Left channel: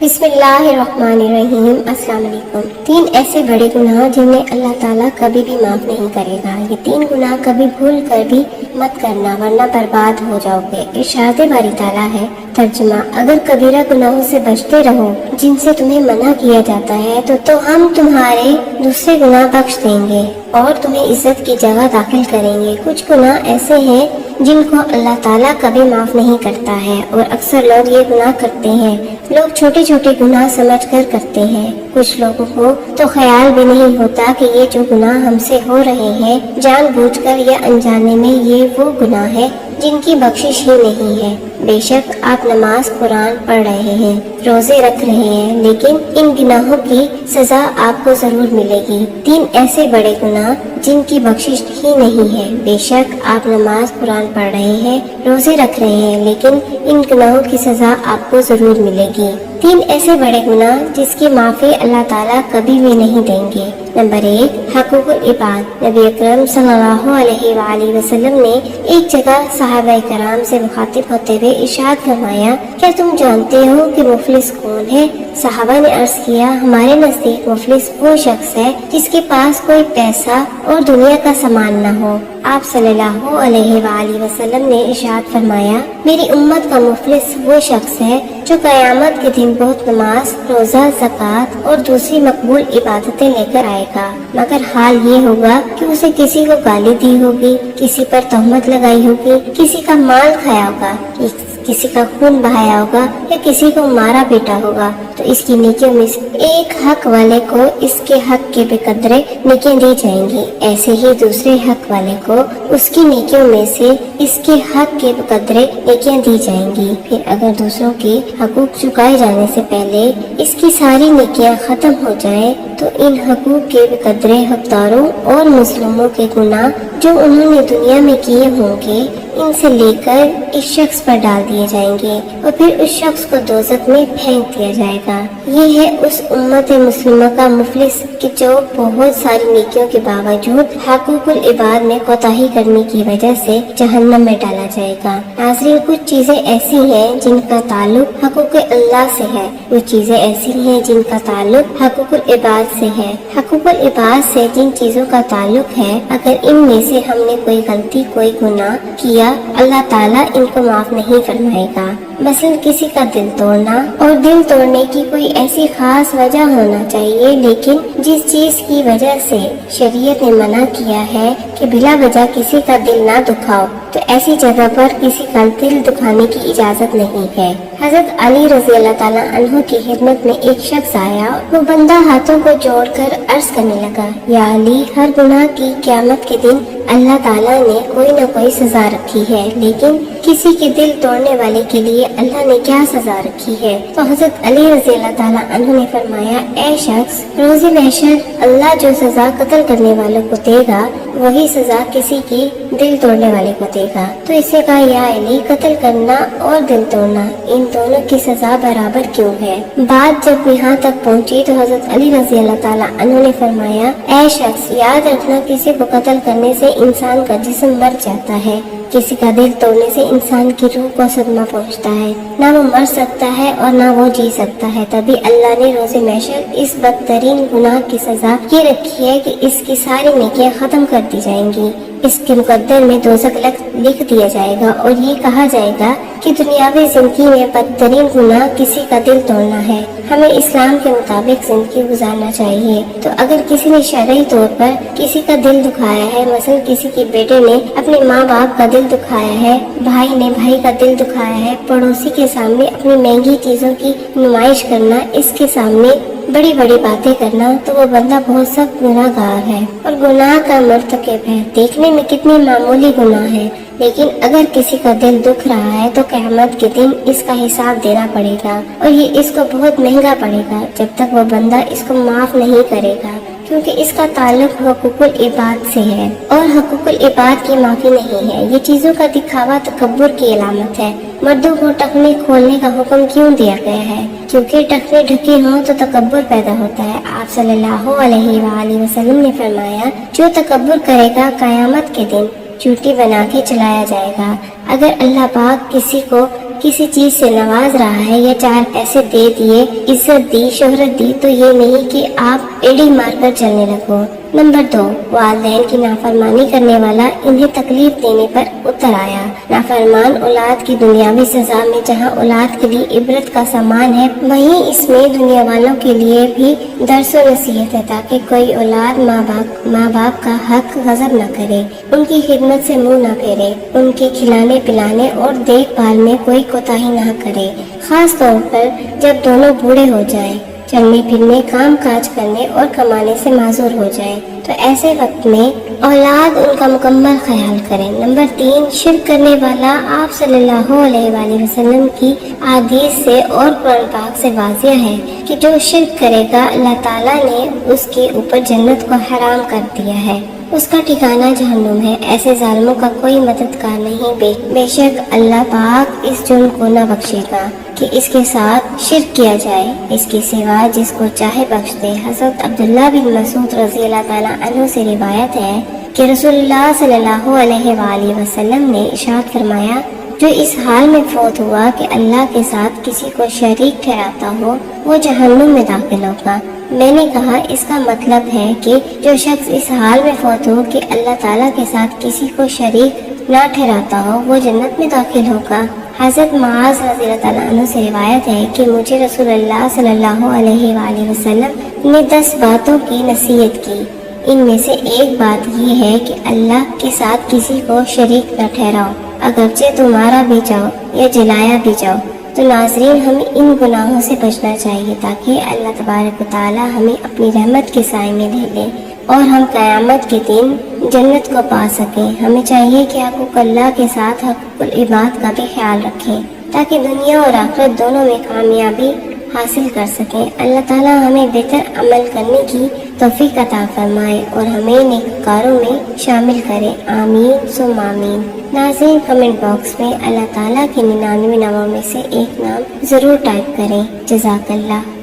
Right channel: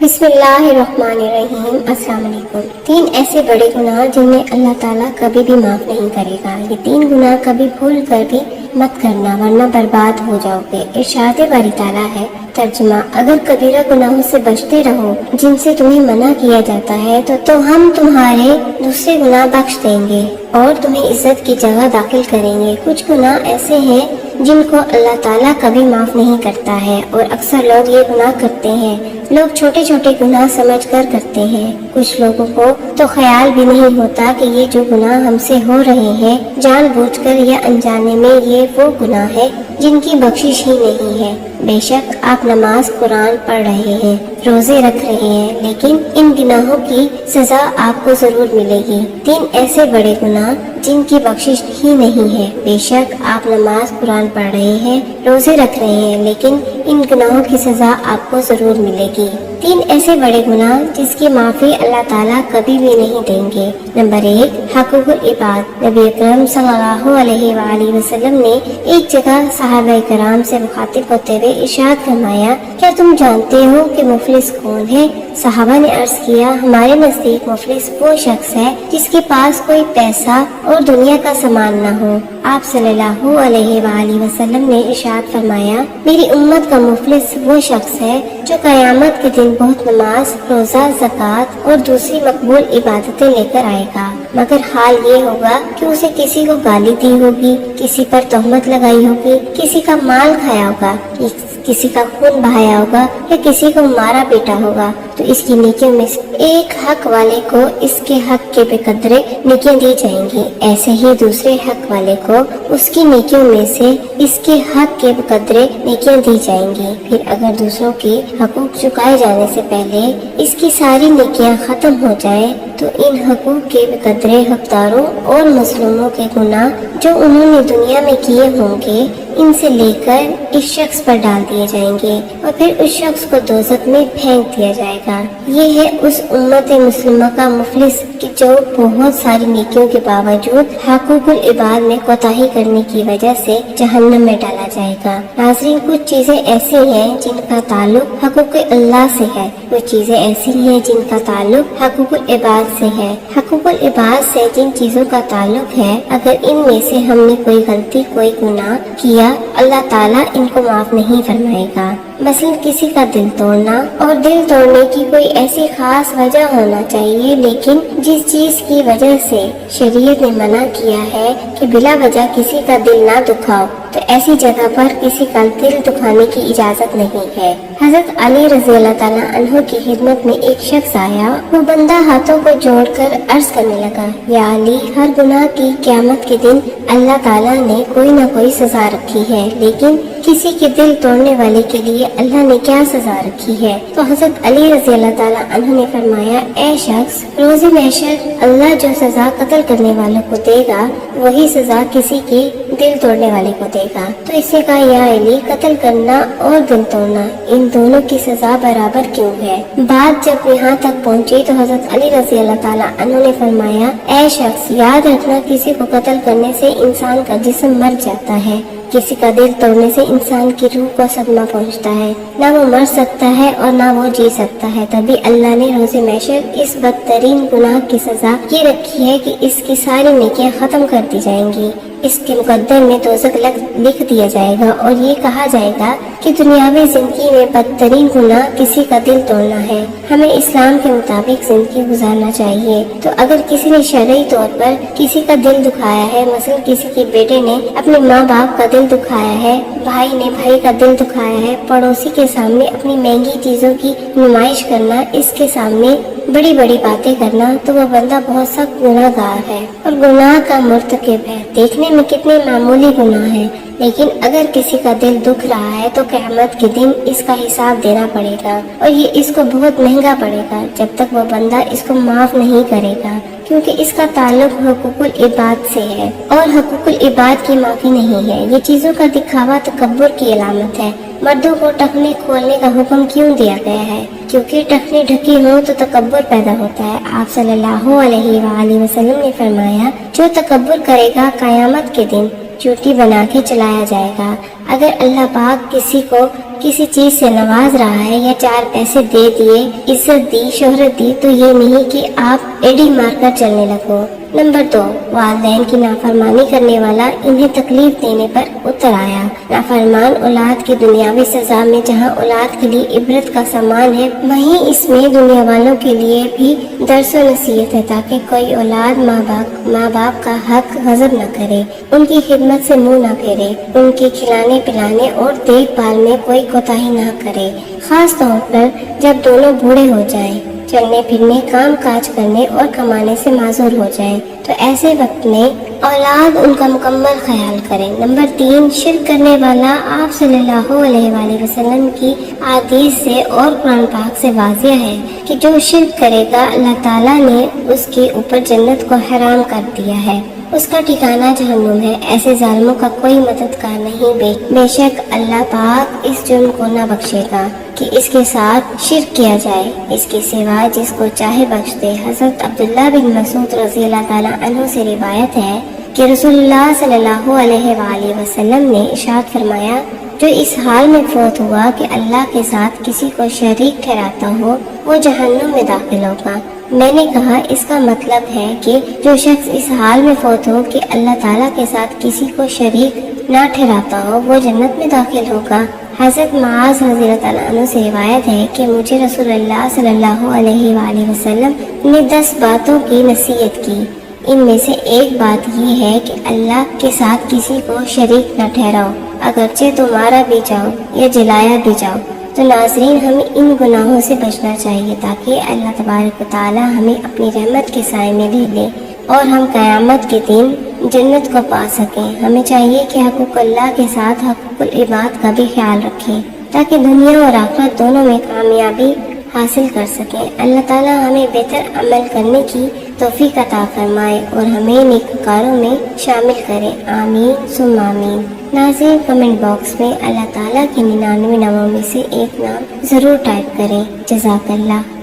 بسم اللہ الرحمن الرحیم۔ السلام علیکم۔ 3 ایسے بڑے گناہ جنہیں اللہ تعالیٰ کبھی بھی معاف نہیں کرے گا۔ یہ 3 گناہ کبھی بھول کر بھی مت کرنا ورنہ برباد ہو جاؤ گے۔ ارشاد باری تعالیٰ ہے، ترجمہ: اگر کبیرہ گناہوں سے بچتے رہو جن سے تمہیں منع کیا جاتا ہے تو ہم تمہارے دوسرے گناہ بخش دیں گے اور تمہیں عزت کی جگہ داخل کریں گے۔ کچھ گناہ ایسے ہیں جن کو اللہ تعالیٰ کبھی معاف نہیں کرتا ہے اور اکثر لوگ یہ گناہ کرتے ہیں۔ لوگ چھوٹے چھوٹے گناہ سمجھ کر کرتے ہیں۔ کچھ لوگوں کو تو خیال بھی نہیں ہوتا کہ یہ جو گناہ ہم سے ہو رہے ہیں جان بوجھ کر یا انجانے میں یہ وہ گناہ ہے جن کی بخشش ہی نہیں ہے۔ بے شک آپ نماز قرآن پڑھ رہے ہیں، روزے رکھ رہے ہیں، لیکن ان گناہوں کی سزا آپ کو ضرور ملے گی۔ 3 ایسے بڑے گناہ جن کی بخشش ہی نہیں ہے۔ بے شک آپ نماز قرآن پڑھ رہے ہیں، روزے رکھ رہے ہیں، لیکن ان گناہوں کی سزا آپ کو ضرور ملے گی۔ 3 ایسے بڑے گناہ جس کی معافی اللہ تعالیٰ کبھی بھی نہیں دیں گے۔ نمبر 1، حقوق العباد۔ نبی اکرم صلی اللہ علیہ وآلہ وسلم نے ایک جگہ صحابہ کرام سے مخاطب ہوتے ہوئے ارشاد فرمایا، کیا تم جانتے ہو کہ مفلس کون ہے؟ صحابہ نے عرض کیا، ہمارے نزدیک مفلس وہ شخص ہے جس کے پاس کوئی پیسہ اور دنیا کا سامان نہ ہو۔ آپ صلی اللہ علیہ وآلہ وسلم نے ارشاد فرمایا، میری امت کا مفلس وہ شخص ہے جو قیامت کے دن بہت نماز، روزہ، زکوٰۃ اور دوسری مقبول عبادتیں لے کر آئے گا، مگر حال یہ ہوگا کہ اسے کسی کو گالی دی ہوگی، کسی پر تہمت لگائی ہوگی، کسی کا مال کھایا ہوگا، کسی کا خون بہایا ہوگا یا کسی کو مارا پیٹا ہوگا، تو اس کی نیکیوں میں سے ایک حق والے کو اس کے حق کے بقدرے نیکیاں دی جائیں گی، ایسے ہی دوسرے حق والے کو اس کی نیکیوں میں سے اس کے حق کے بقدرے نیکیاں دی جائیں گی۔ پھر اگر دوسروں کے حقوق چکائے جانے سے پہلے اس کی ساری نیکیاں ختم ہو جائیں تو ان حقوق کے بقدرے حقداروں اور مظلوموں کے گناہ جو انہوں نے دنیا میں کیے ہوں گے ان سے لے کر اس شخص پر ڈال دیے جائیں گے اور پھر اس شخص کو دوزخ میں پھینک دیا جائے گا۔ یہ ہے اس امت مسلمہ کا مفلس کہ جو بہت ساری نیکیوں کے باوجود حقوق العباد میں کوتاہی کرنے کی وجہ سے جہنم میں ڈالا جائے گا۔ ناظرین، کچھ چیزیں ایسی ہیں جن کا تعلق حقوق اللہ سے ہے، وہ چیزیں ایسی ہیں جن کا تعلق حقوق العباد سے ہے۔ حقوق العباد سے جن چیزوں کا تعلق ہے، اگر ان میں سے ہم نے کوئی غلطی، کوئی گناہ کیا، اللہ تعالیٰ ان کو معاف نہیں فرمائے گا۔ مثلا کسی کا دل توڑنا، اور دل توڑنے کی کوئی ایسی خاص وجہ ہونا چاہیے، لیکن جس چیز کی وجہ سے شریعت نے منع کیا ہے کہ بلا وجہ کسی کا دل نہ دکھاؤ، تو ایسی جگہ پر کسی کا دل دکھانے کی اجازت نہیں ہے۔ حضرت علی رضی اللہ تعالیٰ عنہ کی خدمت میں ایک شخص آیا، وہ بندہ ہاتھوں کو جوڑ کر عرض کرنے لگا، یا علی، ہر گناہ کی قیامت کے دن اللہ تعالیٰ نے کوئی نہ کوئی سزا رکھی ہے، لیکن کسی کے دل توڑنے والے کے لیے اللہ نے کیا سزا رکھی ہے؟ تو حضرت علی رضی اللہ تعالیٰ عنہ نے فرمایا، اے شخص، روز محشر اللہ جو سزا قتل کرنے والوں کو دے گا وہی سزا کسی کے دل توڑنے والے کو دے گا۔ تو اس سے کہا، یا علی، قتل کرنا اور دل توڑنا ان دونوں کی سزا برابر کیوں ہے؟ بات جب یہاں تک پہنچی تو حضرت علی رضی اللہ تعالیٰ عنہ نے فرمایا، اے شخص، یاد رکھنا، کسی کو قتل کرنے سے انسان کا جسم مر جاتا ہے، کسی کا دل توڑنے سے انسان کی روح کو صدمہ پہنچتا ہے، نہ وہ مر سکتا ہے اور نہ وہ جی سکتا ہے۔ تبھی اللہ نے روز محشر اس بدترین گناہ کی سزا یہ رکھی ہے کہ اس کی ساری نیکیاں ختم کر دی جائیں گی، اس کے مقدر میں دوزخ لکھ دیا جائے گا اور یہ کہا جائے گا کہ دنیاوی زندگی میں بدترین گناہ کسی کا دل توڑنا ہے۔ ہمیں اسلام کے مطابق زندگی گزارنا چاہیے، تو اگر کسی نے شرعی طور پر کسی کا دل دکھایا ہے، مثلا کسی کی بیٹے نے اپنے ماں باپ کا دل دکھایا ہے، بھائی نے بھائی کا دل دکھایا ہے، پڑوسی کے سامنے اپنی مہنگی چیزوں کی نمائش کرنا، اس کے سامنے بڑی بڑی باتیں کرنا، تو وہ بندہ بہت سخت گناہ گار ہے اور گناہ کا مرتکب ہے۔ دیکھنے میں کتنے معمولی گناہ ہے، لیکن اگر کسی کا دل دکھ رہا ہے تو قیامت کے دن اس کا حساب دینا پڑے گا اور یہ اس کو بہت مہنگا پڑے گا جب تک وہ بندہ اس کو معاف نہیں کرے گا، کیونکہ اس کا تعلق حقوق العباد سے ہے اور حقوق العباد کی معافی نہیں ہے۔ یہ چیزوں کا دکھاوا تکبر کی علامت ہے۔ مردوں کو ٹخنے کھولنے کا حکم کیوں دیا گیا ہے؟ کیونکہ ٹخنے ڈھکے ہوں تو تکبر پیدا ہوتا ہے۔ آپ صلی اللہ علیہ وآلہ وسلم نے فرمایا، جو تکبر کرے گا قیامت کے دن چوٹی بنا کے چلایا جائے گا۔ اگر اللہ پاک کسی کو کسی چیز سے نواز رہا ہے یا 4 پیسے دے دیے، عزت دی، شہرت دی، تو یہ نہیں کہ آپ ایڈی مار کر چلنے لگو۔ نمبر 2، والدین کی نافرمانی کرنے والا انہیں تکلیف دینے پر اتر آیا۔ نافرمان اولاد کی دنیاوی سزا میں جہاں اولاد کے لیے عبرت کا سامان ہے، وہیں اس میں دنیا والوں کے لیے بھی درس و نصیحت ہے، تاکہ کوئی اولاد ماں باپ کا حق غضب نہ کرے، ان کی خدمت سے منہ نہ پھیرے، ان کے کھلانے پلانے اور دیکھ بھال میں کوئی کوتاہی نہ کرے، خاص طور پر جب دونوں بوڑھے ہو جائیں، چلنے پھرنے، کام کاج کرنے اور کمانے سے معذور ہو جائے، تو ایسے وقت میں اولاد ان کا مکمل خیال کرے۔ نمبر 3، شرک کرنے والا آپ صلی اللہ علیہ وآلہ وسلم کی احادیث سے اور قرآن پاک سے واضح ہے کہ جو شرک کرے گا اللہ تعالیٰ نے اس کے اوپر جنت کو حرام کر دیا ہے، اس کا ٹھکانہ جہنم ہے۔ ایسے ظالموں کا کوئی مددگار نہیں، بے شک اللہ پاک اس جرم کو نہ بخشے گا کہ اس کے ساتھ شرک کیا جائے، اس کے سوا جس کو چاہے بخش دے۔ حضرت عبداللہ بن مسعود رضی اللہ تعالیٰ عنہ سے روایت ہے کہ رسول اللہ صلی اللہ علیہ وآلہ وسلم نے ارشاد فرمایا، جو اس حال میں فوت ہوا کہ اللہ کے ساتھ کسی کو شریک ٹھہراتا ہو، وہ جہنم میں داخل ہوگا۔ میں نے کہا اس کا مطلب ہے کہ جو شخص اس حال میں فوت ہو کہ اللہ تعالیٰ کے ساتھ کسی کو شریک نہ ٹھہراتا ہو، وہ جنت میں داخل ہوگا۔ حضرت معاذ رضی اللہ تعالیٰ عنہ سے روایت ہے کہ مجھے رسول اللہ صلی اللہ علیہ وآلہ وسلم نے 10 باتوں کی نصیحت کی، ان میں سے ایک بات یہ ہے کہ اللہ کے ساتھ کسی کو شریک نہ ٹھہراؤ، اگرچہ تم مارا بھی جاؤ یا جلایا بھی جاؤ۔ تو ناظرین، ہمیں ان گناہوں سے بچنا چاہیے تاکہ اللہ تبارک و تعالی ہمیں اپنی رحمت کے سائے میں لے لے اور ہم قیامت کے دن جنت کو پا سکیں۔ ہمیں چاہیے کہ حقوق اللہ کے ساتھ حقوق العباد کا بھی خیال رکھیں تاکہ دنیا اور آخرت دونوں میں کامیابی حاصل کر سکیں۔ اللہ تعالیٰ ہمیں بہتر عمل کرنے کی توفیق عطا فرمائے اور ہمیں نیکوکاروں میں شامل کرے، آمین ثم آمین۔ ناظرین، کمنٹ باکس میں اللہ تعالیٰ کے 99 ناموں میں سے ایک نام ضرور ٹائپ کریں۔ جزاک اللہ۔